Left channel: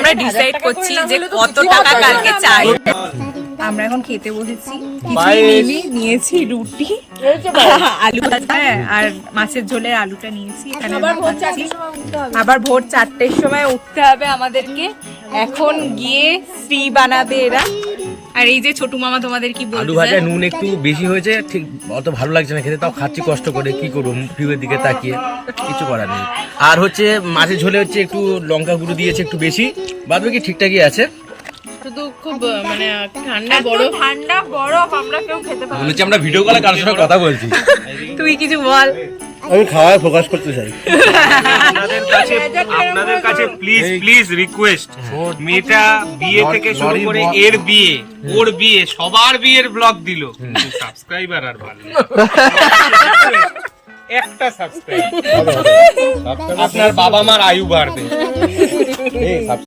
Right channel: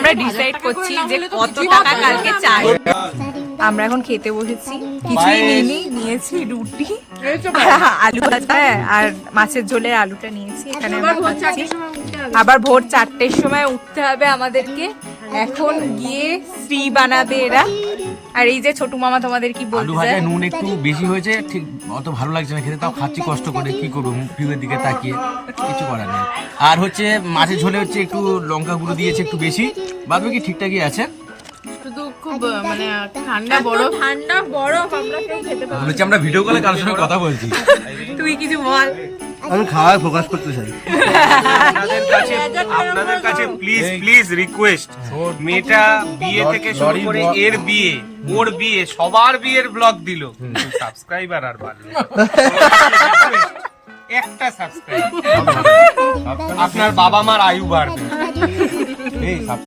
আমরা ডিসাইড করছি যে কত টাকা কালকে চাই। আমরা এখন খেতে বসেছি, কিছু নিয়েছি রুটি, আলু ভাজা আর মাছের ঝোলের আলুটা নিয়েছি। এখানে আবার ভোর 4টের সময় উঠতে হবে আমাদেরকে। এখন গিয়ে শ্রী বানাবে এরা। আর এই যে ছোটু মামা তোমাদের কি বলছে, আলু ভাজায় নুন একটু বেশি হয়েছে, ঠিক অত ভালো লাগছে না খেতে, তাও খাচ্ছি কষ্ট করে, কি করবো ভিউয়ের দিকে তাকিয়ে, কিছু করার নেই। আর হচ্ছে মাছের ঝোলে হচ্ছে একটু লঙ্কা গুঁড়ো দিয়েছে একটু বেশি, বাদ বাকি ঠিকঠাকই আছে। শুধু খুব মানে ঠান্ডা বরফ আমরা কেউ খেতে পারি। মনে হচ্ছে আমরা ভিডিও কলে কারোর সঙ্গে কথা বলছি। তুই কিছু বল। আমি খাওয়ায় ফোকাস করতে চাই। আপনাদের কাছে প্লিজ রিকোয়েস্ট, মেয়েটা বিয়ে থেকে শুরু করে এর বিয়ে, ওর বিয়ে, সবার বিয়ের ব্লগ দিল, সাবস্ক্রাইবার আর বাড়লো একটা সাবস্ক্রাইব, আপনার বাবা মার আয়ু বাড়বে।